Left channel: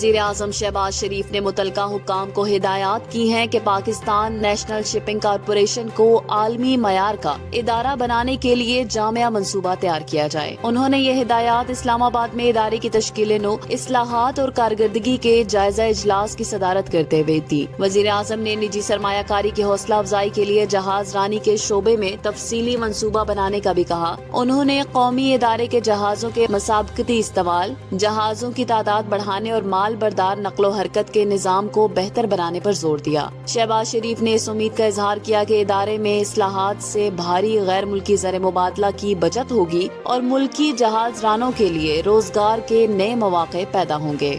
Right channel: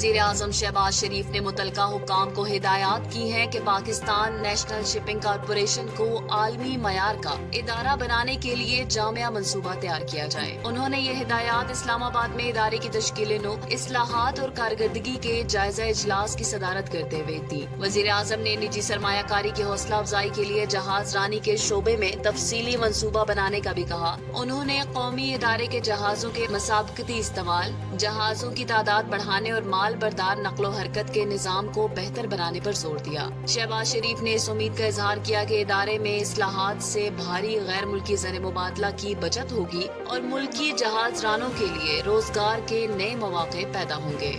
وزیر اعظم شہباز شریف نے متعلقہ حکام کو ہدایات کی ہیں کہ پاکستان نیشنل شپنگ کارپوریشن کو عالمی معیار کا ادارہ بنانے کے لیے جامع منصوبہ تیار کیا جائے۔ انہوں نے یہ ہدایات اسلام آباد میں ادارے کی تشکیل نو، اصلاحات اور کارکردگی کے جائزہ اجلاس کی صدارت کرتے ہوئے دی۔ وزیر اعظم نے نجی سرمایہ کاری کی حوصلہ افزائی کے لیے جہاز رانی کے شعبے میں تفصیلی منصوبہ بنانے کا بھی کہا۔ انہوں نے قومی ادارے کے جہازوں کے مسابقتی استعمال، جہازوں کی تعداد بڑھانے اور مال بردار نقل و حرکت کے نظام کو بہتر بنانے پر زور دیا۔ شہباز شریف نے اس امید کا اظہار کیا کہ ادارے میں اصلاحات سے بھاری غیر ملکی زر مبادلہ کی بچت ہوگی اور ملکی جہاز رانوں کے لیے روزگار کے نئے مواقع پیدا ہوں گے۔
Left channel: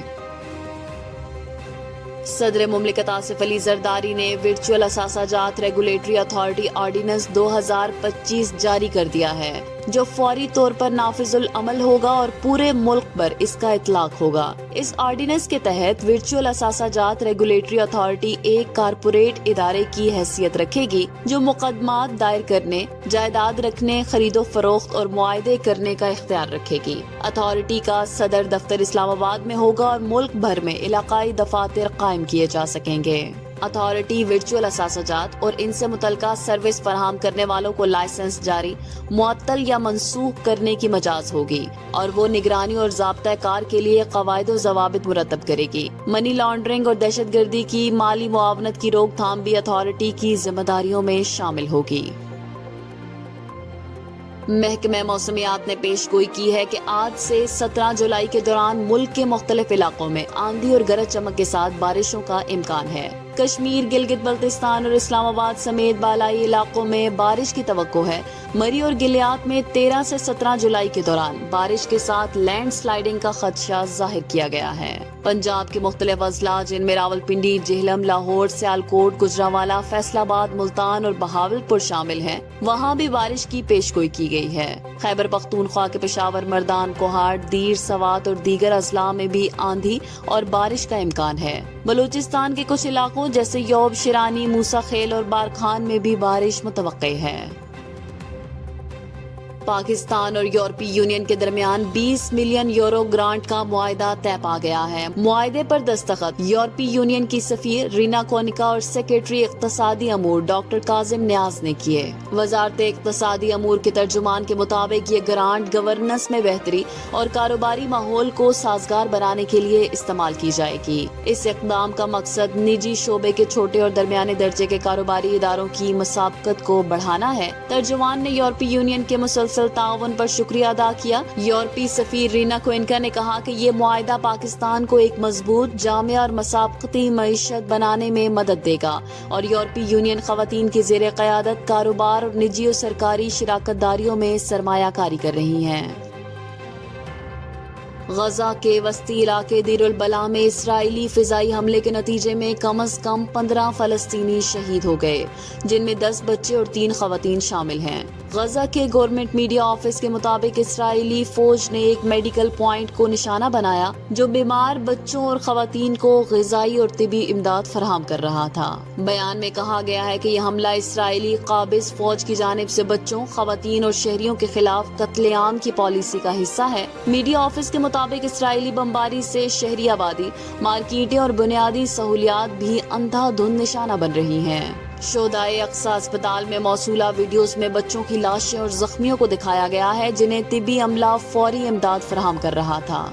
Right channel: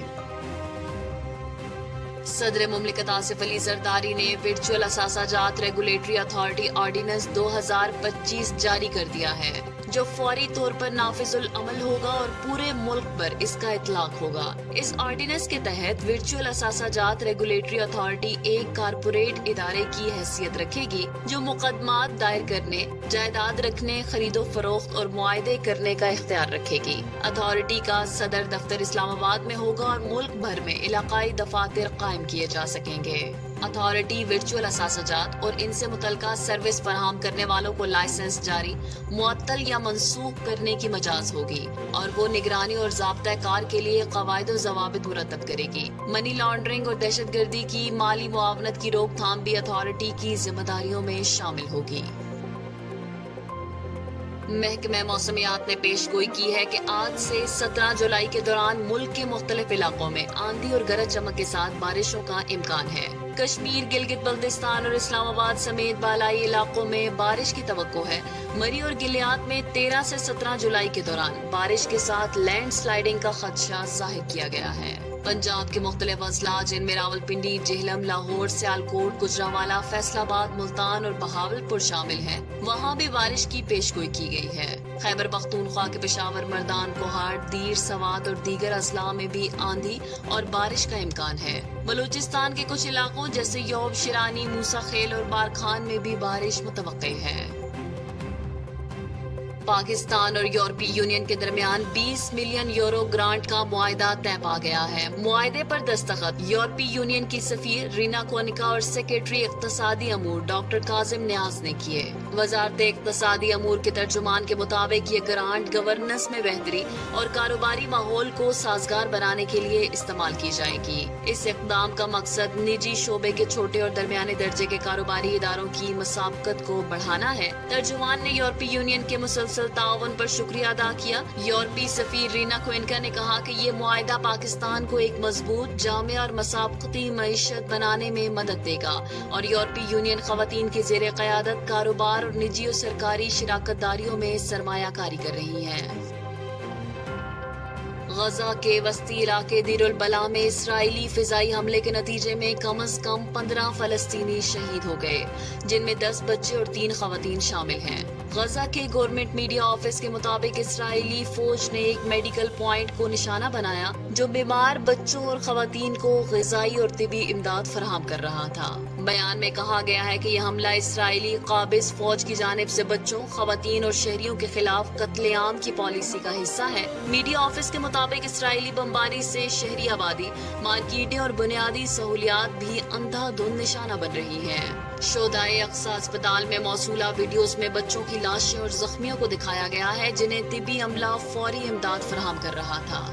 صدر مملکت آصف علی زرداری نے ورچوئل اثاثہ جات ریگولیٹری اتھارٹی آرڈیننس 2025 جاری کر دیا ہے، جو فوری طور پر نافذ العمل ہوگا اور پورے ملک پر اس کا اطلاق ہوگا۔ اس آرڈیننس کے تحت ورچوئل اثاثہ جات ریگولیٹری اتھارٹی ایک کارپوریٹ ادارے کی حیثیت رکھے گی جو مقدمات دائر کرنے، جائیداد رکھنے، خرید و فروخت اور معاہدے کرنے کا اختیار رکھے گی۔ اتھارٹی کا صدر دفتر اسلام آباد میں ہوگا اور ملک بھر میں علاقائی دفاتر قائم کیے جا سکیں گے۔ اتھارٹی ورچوئل اثاثہ جات اور ان سے متعلقہ سروس فراہم کرنے والوں کو لائسنس جاری، معطل یا منسوخ کرنے کی مجاز ہوگی اور وہ نگرانی اور ضابطہ کار کے لیے قواعد و ضوابط مرتب کرے گی۔ منی لانڈرنگ اور دہشت گردی کی مالی معاونت کی روک تھام بھی اتھارٹی کی ذمہ داریوں میں شامل ہوگی۔ محکمہ موسمیات نے پیش گوئی کی ہے کہ آج سے 17 جولائی کے دوران ملک کے مختلف علاقوں میں آندھی اور گرج چمک کے ساتھ بارشوں کا امکان ہے۔ کشمیر، گلگت بلتستان اور اسلام آباد سمیت بالائی علاقوں میں بارش کی توقع ہے۔ مری اور گلیات میں 13 سے 17 جولائی کے دوران بارش کے ساتھ لینڈ سلائیڈنگ کا خدشہ ظاہر کیا گیا ہے۔ پنجاب کے مختلف اضلاع جن میں راولپنڈی، جہلم، لاہور، سیالکوٹ، گجرانوالہ، فیصل آباد، ملتان اور بہاولپور شامل ہیں، وہاں بھی بارش کی پیش گوئی کی گئی ہے۔ خیبر پختونخوا کے پشاور، مردان، کوہاٹ، دیر، سوات اور دیگر اضلاع میں بھی آندھی اور بارش کا امکان ہے۔ بلوچستان کے کچھ علاقوں جیسے یوب، شرانی، موسیٰ خیل اور بارکھان میں بھی بارش متوقع ہے۔ پاکستان اور یورپی یونین کے درمیان 20 ملین یورو گرانٹ کا معاہدہ طے پا گیا ہے۔ معاہدے پر دستخط یورپی یونین کی سفیر رینا کونیکا اور سیکریٹری اقتصادی امور ڈاکٹر کاظم نیاز نے کیے۔ وزارت اقتصادی امور کے ترجمان کے مطابق یہ گرانٹ گورننس میں بہتری اور کاروباری ماحول کو سازگار بنانے کے لیے استعمال کی جائے گی۔ اس اقدام کا مقصد نجی شعبے کے چھوٹے اور درمیانے درجے کے کاروباری اداروں کی مسابقت کو بڑھانا ہے۔ ترجمان نے یورپی یونین کے مسلسل تعاون پر شکریہ ادا کیا۔ یورپی سفیر رینا کوئنکا نے کہا کہ یہ معاہدہ پاکستان کو ایک مضبوط، جامع اور مسابقتی معیشت بنانے میں مدد دے گا اور یورپی یونین خواتین کی زیر قیادت کاروبار اور نجی اور سرکاری شراکت داریوں میں سرمایہ کاری کر رہی ہیں۔ غزہ کے وسطی علاقے دیر البلح میں اسرائیلی فضائی حملے کے نتیجے میں کم از کم 15 فلسطینی شہید ہو گئے، جن میں 10 بچے اور 3 خواتین شامل ہیں۔ غزہ کے گورنمنٹ میڈیا آفس کے مطابق اسرائیلی فوج نے ایک میڈیکل پوائنٹ کو نشانہ بنایا جو بیمار بچوں اور خواتین کو غذائی اور طبی امداد فراہم کر رہا تھا۔ بیان میں کہا گیا ہے کہ یہ حملہ اسرائیلی قابض فوج کی جانب سے بچوں، خواتین اور شہریوں کے خلاف قتل عام کی پالیسی کا حصہ ہے۔ میڈیا آفس کے مطابق اسرائیلی بمباری سے شہری آبادی، مارکیٹیں اور بنیادی سہولیات بھی اندھا دھند نشانہ بن رہی ہیں۔ شہدائے اقصی اسپتال میں موصولہ ویڈیوز میں بچوں کی لاشیں اور زخمیوں کو دکھایا گیا ہے جنہیں طبی عملہ فوری امداد فراہم کر رہا تھا۔